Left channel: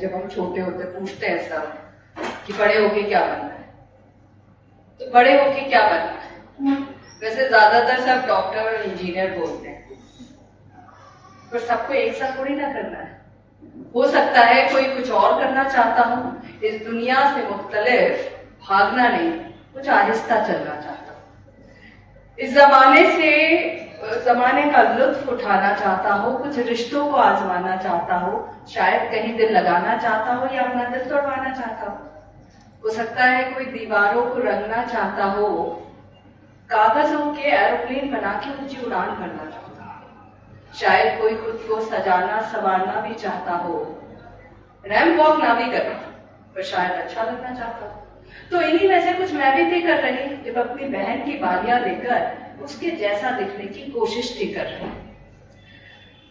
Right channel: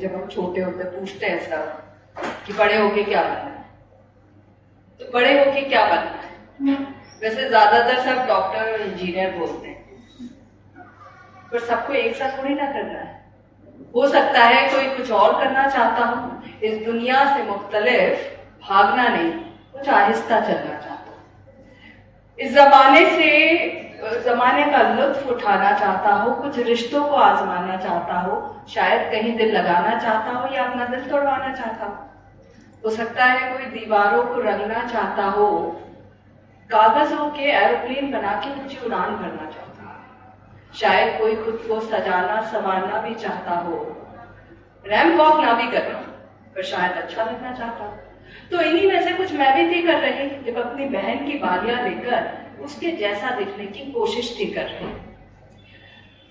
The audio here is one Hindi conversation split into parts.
जब हम छोटे होते पूछते हैं सब कि बड़े होके क्या बनना है, तो बड़े होके क्या बनना है। वैसे ज्यादातर सब डॉक्टर और इंजीनियर बोलते हैं, पर सबको एक साथ थोड़ी ना करना है। हो सकता है कोई कुछ और करना चाहता हूँ, इस दुनिया से मुख्तलिफ भागना नहीं, कुछ आहिस्ता चलना चाहता हूँ, इस जमाने का लुत्फ उठाना चाहता हो, कुछ रिश्तों को आजमाना चाहता हो, शायद कहीं दिल लगाना चाहता हो या अपना दिल तोड़वाना चाहता हो सकता है कोई दीवारों को रंगना चाहता हो, कागजों के एरोप्लेन बना के ऊंची उड़ान भरना चाहता हो, शायद कोई खुद को सजाना संवारना भी चाहता हो, रैंप वॉक ना भी करना पर शायद अच्छा लगना चाहता हो। तो इन्हीं में से कुछ मैं भी थी कर रही, जब अपनी बहन की बालियां लेकर उसके जैसा दिखने की कोशिश थी कर रही।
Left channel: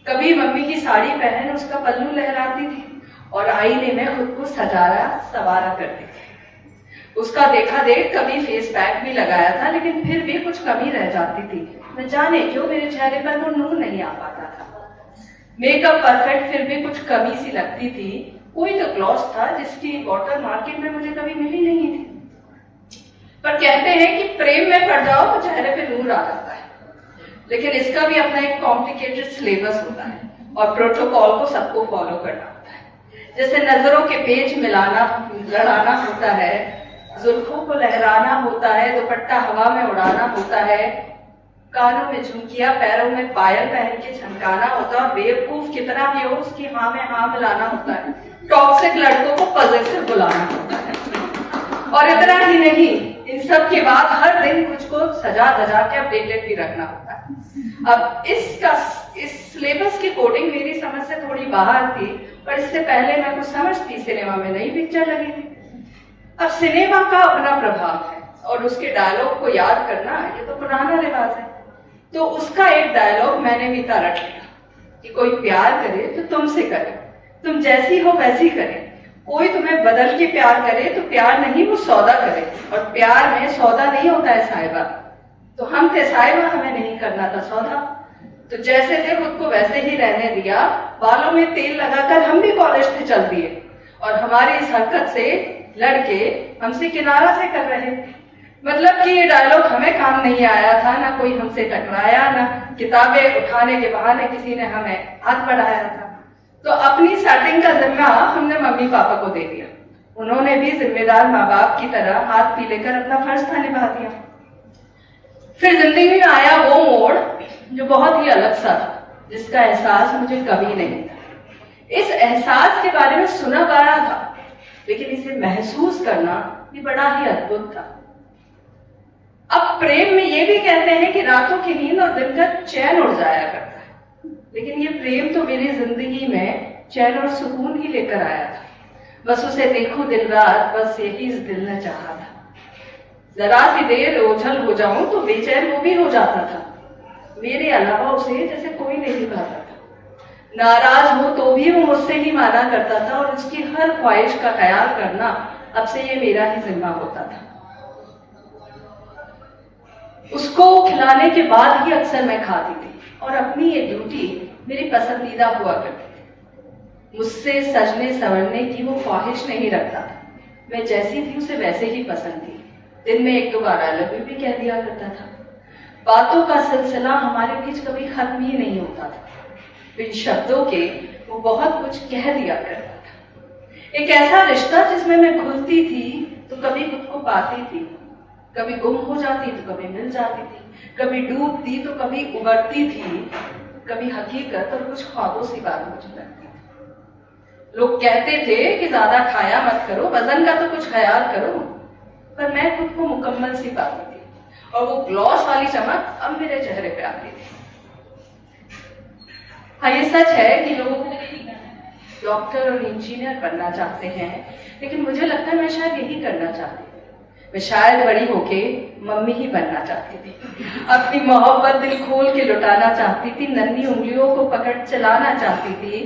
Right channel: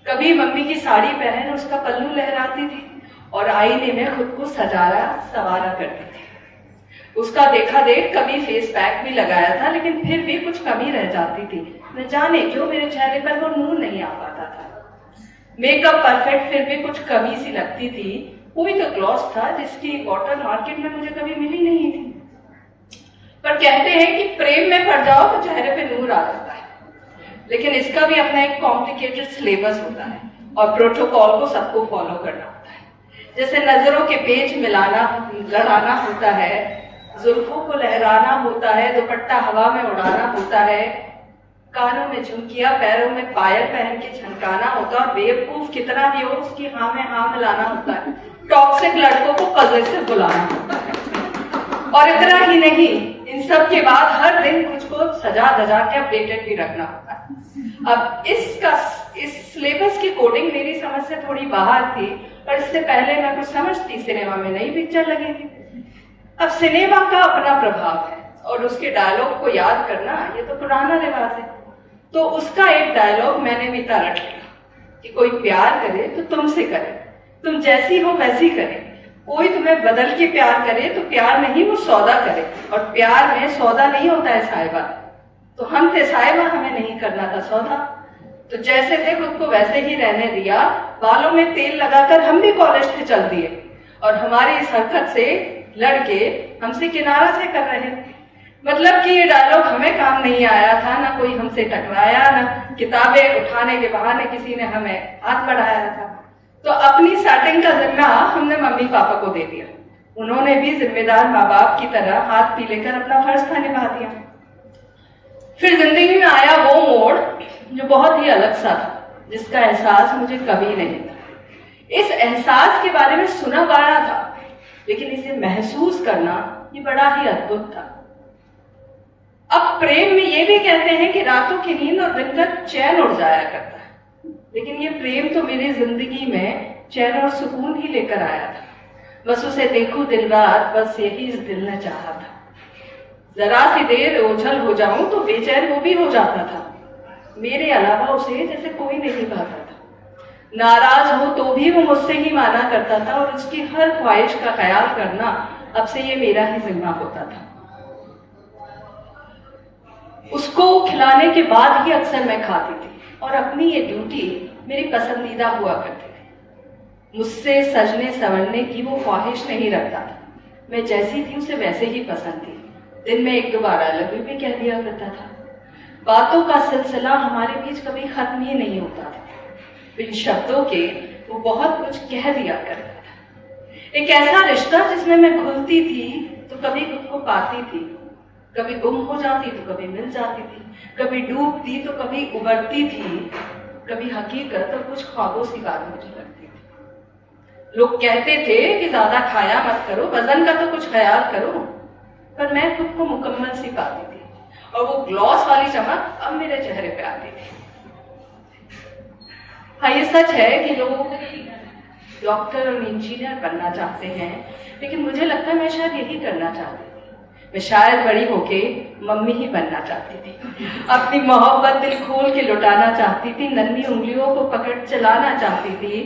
कभी मम्मी की साड़ी पहन उसका पल्लू लहराती थी और आईने में खुद को सजाया संवारा करती थी। उसका देखा देख कभी फेस पैक भी लगाया था, लेकिन फिर भी कुछ कमी रह जाती थी। न जाने क्यों मेरे चेहरे पर वो नूर नहीं आ पाता था। मेकअप परफेक्ट फिर भी कुछ कमी सी लगती थी। कोई तो ग्लॉस था जिसकी बॉटल मार्केट में मुझे कभी मिली नहीं थी। पर कहते हैं कि प्रेम में पड़ जाओ तो चेहरे पे नूर आ जाता है, लेकिन इसका भी अपना एक कॉम्प्लिकेटेड सिलेबस होता है और प्रोटोकॉल को सबको फॉलो करना होता है। जैसे नजरों के पेच मिलाना लड़ाना होता है, जुल्फों को लहराना होता है, दुपट्टा हवा में उड़ाना होता है, कानों में झुमकिया पैरों में पायल पहन के झमकाना होता है, बेवकूफ कितना भी हो उसकी हाँ में हाँ मिलाना होता है, टॉक्सिक लड़कों को पॉजिटिव बुलाना होता है। और इतना ही नहीं, इन सब के बाद हर दिन कुछ को सजा धजा के अपडेटेड भी रखना होता है। अब इस सिलेबस की कोडिंग मेरी समझ से थोड़ी बाहर थी, पर इससे पहले मैं कुछ समझती, सिनेमा में नई पिक्चर लगी थी। अब सिनेमा का अपना प्रभाव है और उसके डायलॉग को याद करना ये तो पुराना रिवाज है। तो उसका एक डायलॉग मैंने भी रख लिया कि कोई प्यार करे तो तुमसे करे, तुम जैसी हो वैसी करे, कोई तुम्हें बदल के प्यार करे तो प्यार नहीं वो सौदा करे, और प्यार में सौदा नहीं होता है साहिबा। तो हम थे साहिबा, हमें नहीं करना था सौदा। तो जैसे थे खुद को वैसे ही रहने दिया, बालों में तेल लगाकर हम भी कॉलेज पे चल दिए और हमारी इस हरकत से लड़के हमसे किनारा से कर रहे। मतलब कि ये डायलॉग हमें काम नहीं आया था, ना कोई हमसे टकराया, ना किताबें उठाने के बहाने किसी ने हमें हाथ बढ़ाया था। तो अपनी सेटिंग का जिम्मा हमने मम्मी पापा को दे दिया। उन्होंने भी जिम्मेदार माँ बाप की तरह हाथ पी लेकर अपना फर्ज था निभा दिया। फिर जिंदगी में आया वो मोड़ जो बहुत ही अलग सा था, जिसका एहसास मुझे कभी नहीं था। इस एहसास के बारे में सुना बड़ा था, लेकिन इसे महसूस करना ये बड़ा ही अद्भुत था। अब प्रेम में ये भी कहते हैं कि रातों की नींद और दिन का चैन उड़ जाया करता है, लेकिन ये प्रेम तो मेरी जिंदगी में चैन और सुकून ही लेकर आया था। बस उसे देखूं दिन रात, बस यही इस दिल ने चाहा था। जरा सी देर ओझल हो जाऊं तो बेचैन वो भी हो जाता था। मेरे अलावा उसे जैसे कोई नहीं पाता था। नाराज हो तो भी वो मुझसे ही माना करता था और उसकी हर ख्वाहिश का ख्याल करना अब से ये मेरा ही जिम्मा होता था। उसको खिलाने के बाद ही अक्सर मैं खाती थी और अपनी ये ड्यूटी मेरी पसंदीदा हुआ करती थी। मुझसे सजने संवरने की वो ख्वाहिश नहीं रखता था। मैं जैसी थी उसे वैसे ही पसंद थी। दिन में एक दो बार आई लव यू भी कह दिया करता था। बातों का सिलसिला हमारे बीच कभी खत्म ही नहीं होता था। बिन शब्दों के वो बहुत कुछ कह दिया करता था। एक ऐसा रिश्ता जिसमें मैं खुलती थी तो कभी खुद को पाती थी, कभी गुम हो जाती तो कभी मिल जाती थी, कभी डूबती तो कभी उबरती थी, कभी हकीकत और कुछ ख्वाबों सी बात मुझे लगती थी। लोग कहते थे कि ज्यादा खाया मत करो, वजन का तो कुछ ख्याल करो, पर मैं खुद को मुकम्मल सी पाती थी और वो ग्लॉस वाली चमक अब मेरे चेहरे पे आती थी। हाँ, ये सच है कि लोग डॉक्टर और इंजीनियर बनना चाहते हैं, लेकिन मुझे लगता है मैं शायद यही करना चाहती थी। मैं शायद बड़ी होके मम्मी ही बनना चाहती थी। अपनी मोहब्बत दिल खोल के लुटाना चाहती थी, नन्ही उंगलियों को पकड़ चलाना चाहती थी,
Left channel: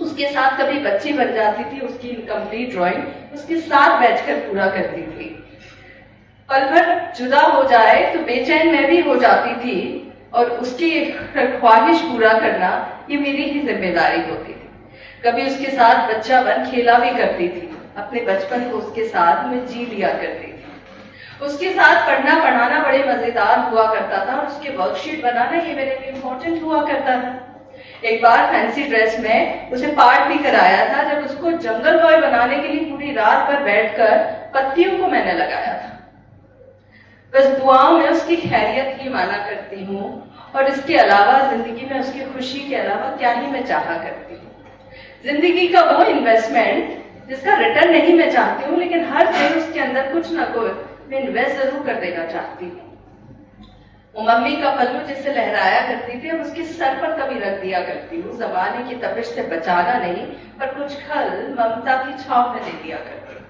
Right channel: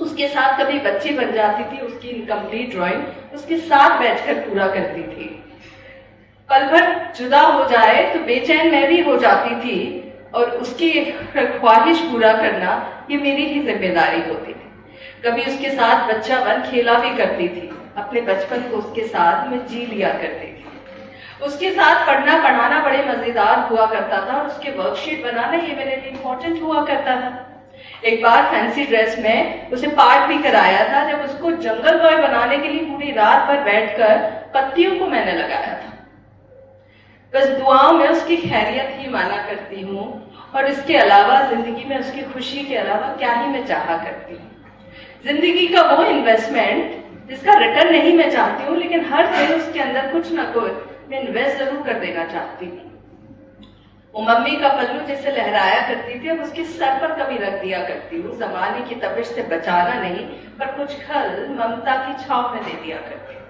उसके साथ कभी बच्ची बन जाती थी, उसकी इनकम्प्लीट ड्राइंग उसके साथ बैठकर पूरा करती थी। पल भर जुदा हो जाए तो बेचैन मैं भी हो जाती थी और उसकी ख्वाहिश पूरा करना ये मेरी ही जिम्मेदारी होती थी। कभी उसके साथ बच्चा बन खेला भी करती थी, अपने बचपन को उसके साथ में जी लिया करती थी। उसके साथ पढ़ना पढ़ाना बड़े मजेदार हुआ करता था और उसके वर्कशीट बनाना ये मेरे लिए इम्पोर्टेंट हुआ करता था। एक बार फैंसी ड्रेस में उसे पार्ट भी कराया था, जब उसको जंगल बॉय बनाने के लिए पूरी रात भर बैठकर पत्तियों को मैंने लगाया था। बस दुआओं में उसकी खैरियत ही माना करती हूँ, और इसके अलावा जिंदगी में उसकी खुशी के अलावा क्या ही मैं चाहा करती हूँ। जिंदगी का वो इन्वेस्टमेंट जिसका रिटर्न नहीं मैं चाहती हूँ, लेकिन हर दिन उसके अंदर कुछ ना कुछ मैं इन्वेस्ट जरूर कर देना चाहती हूँ। वो मम्मी का पल्लू जिससे लहराया करती थी, अब उसके सर पर कभी रख दिया करती हूँ। जमाने की तपिश से बचाना नहीं, पर कुछ खल ममता की छाव में दे दिया करती हूँ।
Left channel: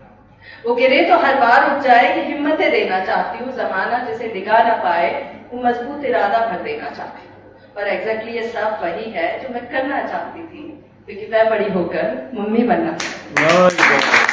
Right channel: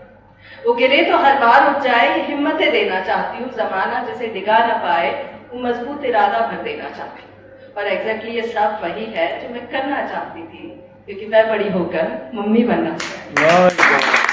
वो गिरे तो हर बार उठ जाए, ये हिम्मतें देना चाहती हूँ। जमाना जिसे डिगा ना पाए, वो मजबूत इरादा भर देना चाहती हूँ। और एग्जैक्टली ये सब वही है जो मैं करना चाहती थी, क्योंकि मैं बड़ी होकर मम्मी बनना चाहती हूँ।